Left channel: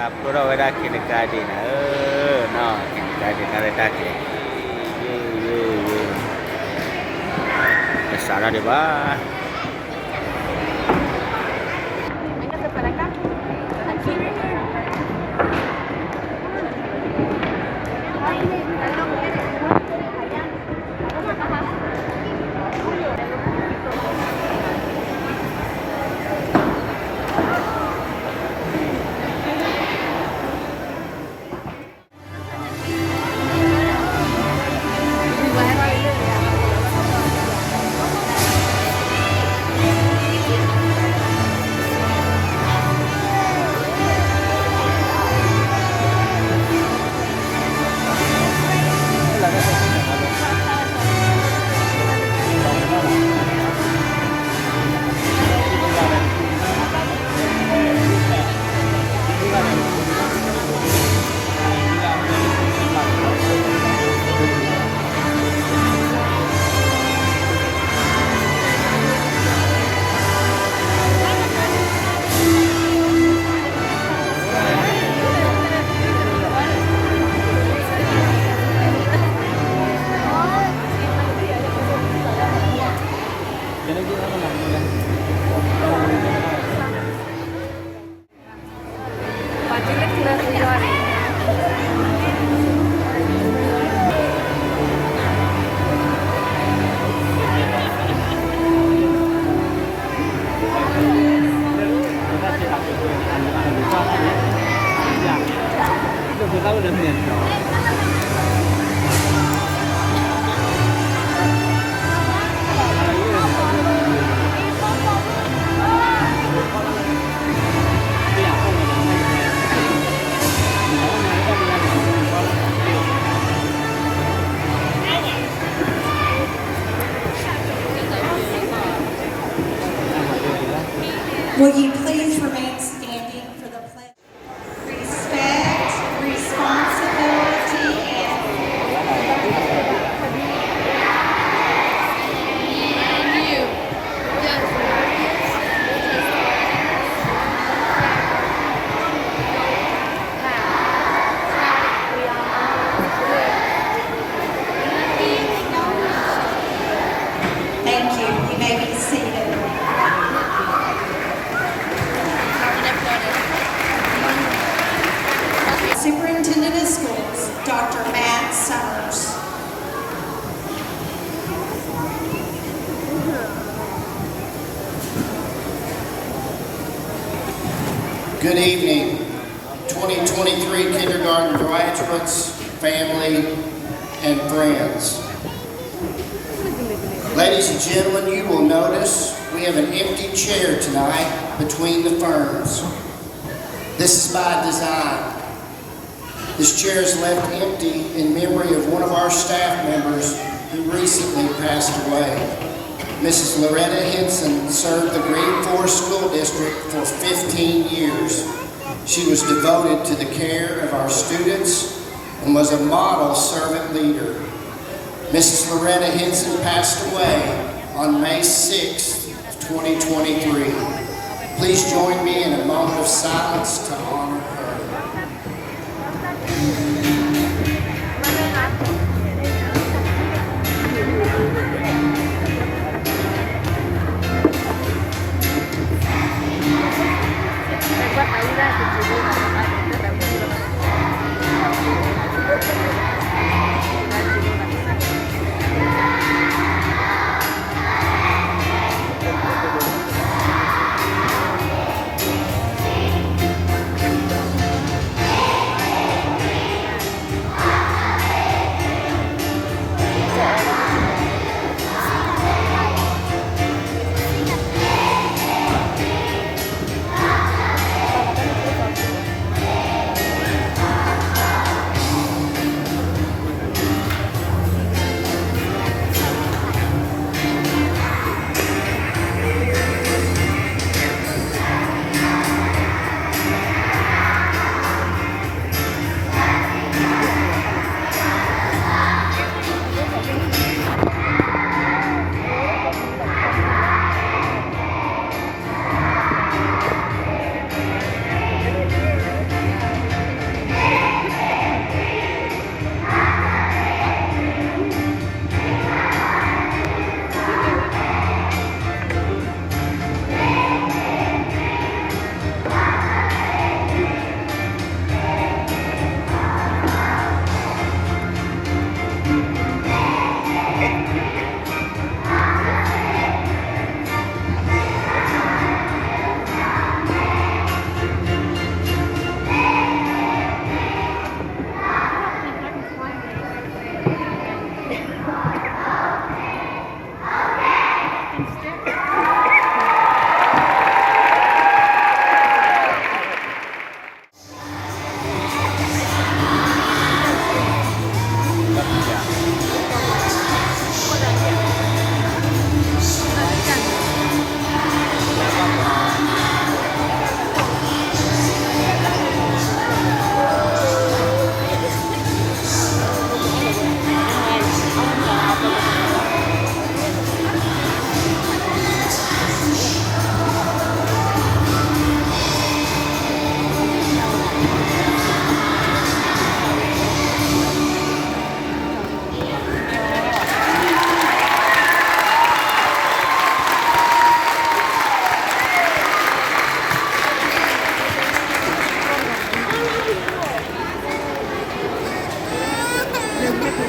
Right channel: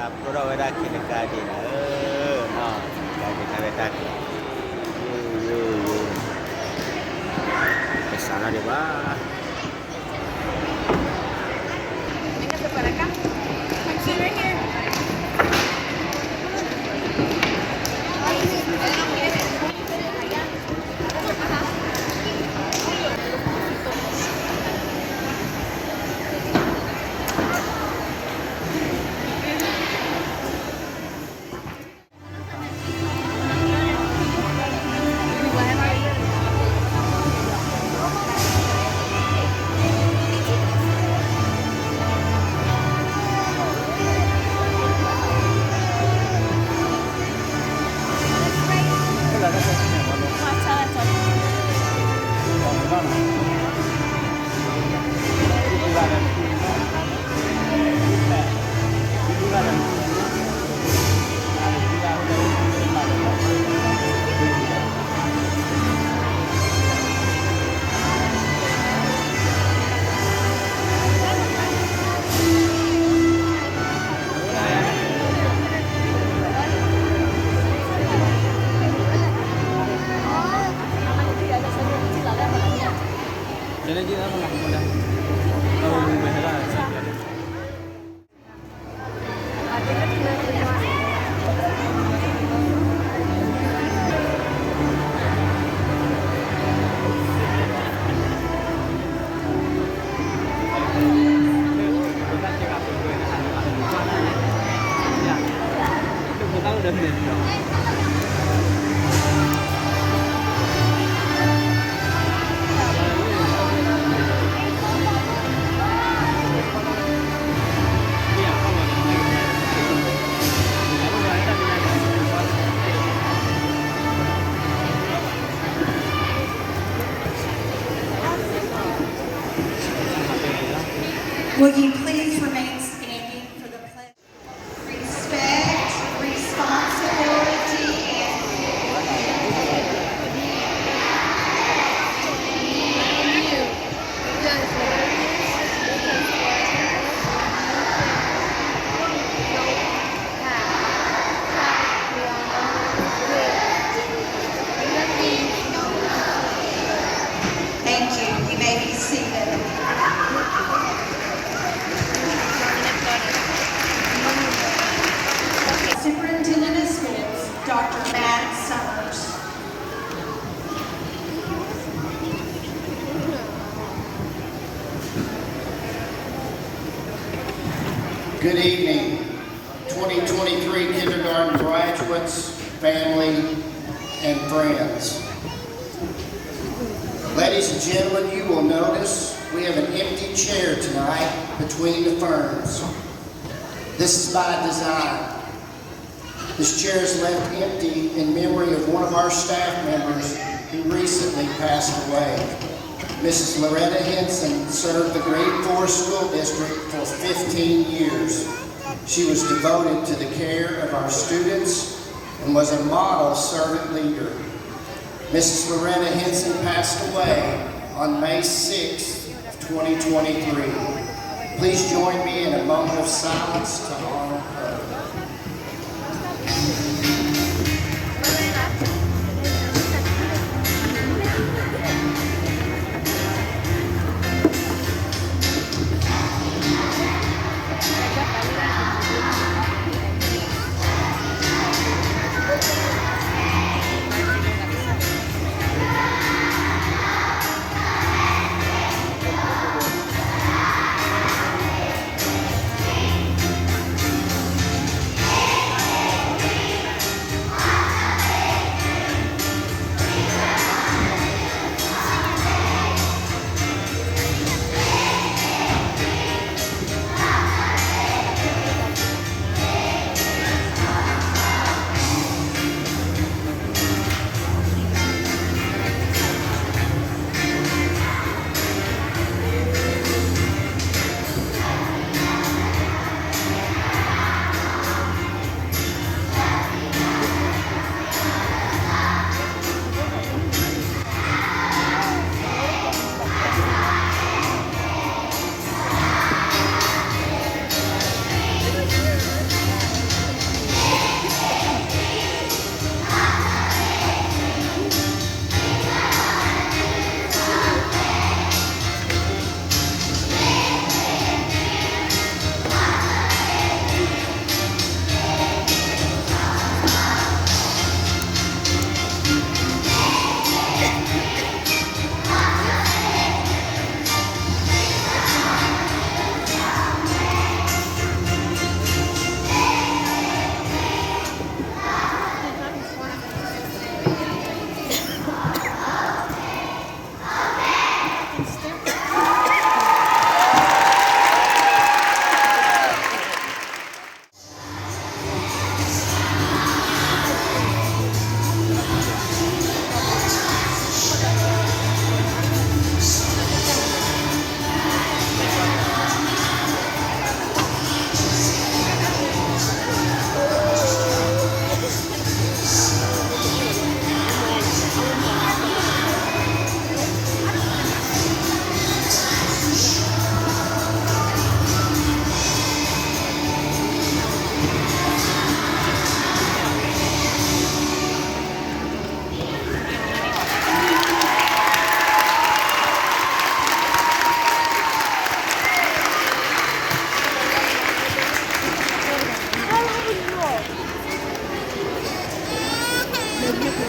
Pura ora kindergarten. No, kindergarten ada tak. Ye. Ke sana deh, Bah. Véngase para acá. Aquí, ven here. Will you please remain standing for the pledge? Respect, responsibility, and thank you. You may be seated. Superintendent of Schools, Dr. Matt Summers. Good evening, 2023 kindergarten graduates, family, and friends. Ladies and gentlemen, you will notice we have an empty chair tonight between the ferns. This is by design. This chair is left empty in memory of one of our staff members who recently passed away. Mrs. Loretta Henson served the Green Forest School District for 15 years. She was devoted to the care of our students and was a model servant leader. Mrs. Loretta Henson passed away on May 6th, 2023. Please join me in a moment of silence to honor her.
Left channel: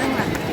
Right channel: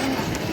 Venga.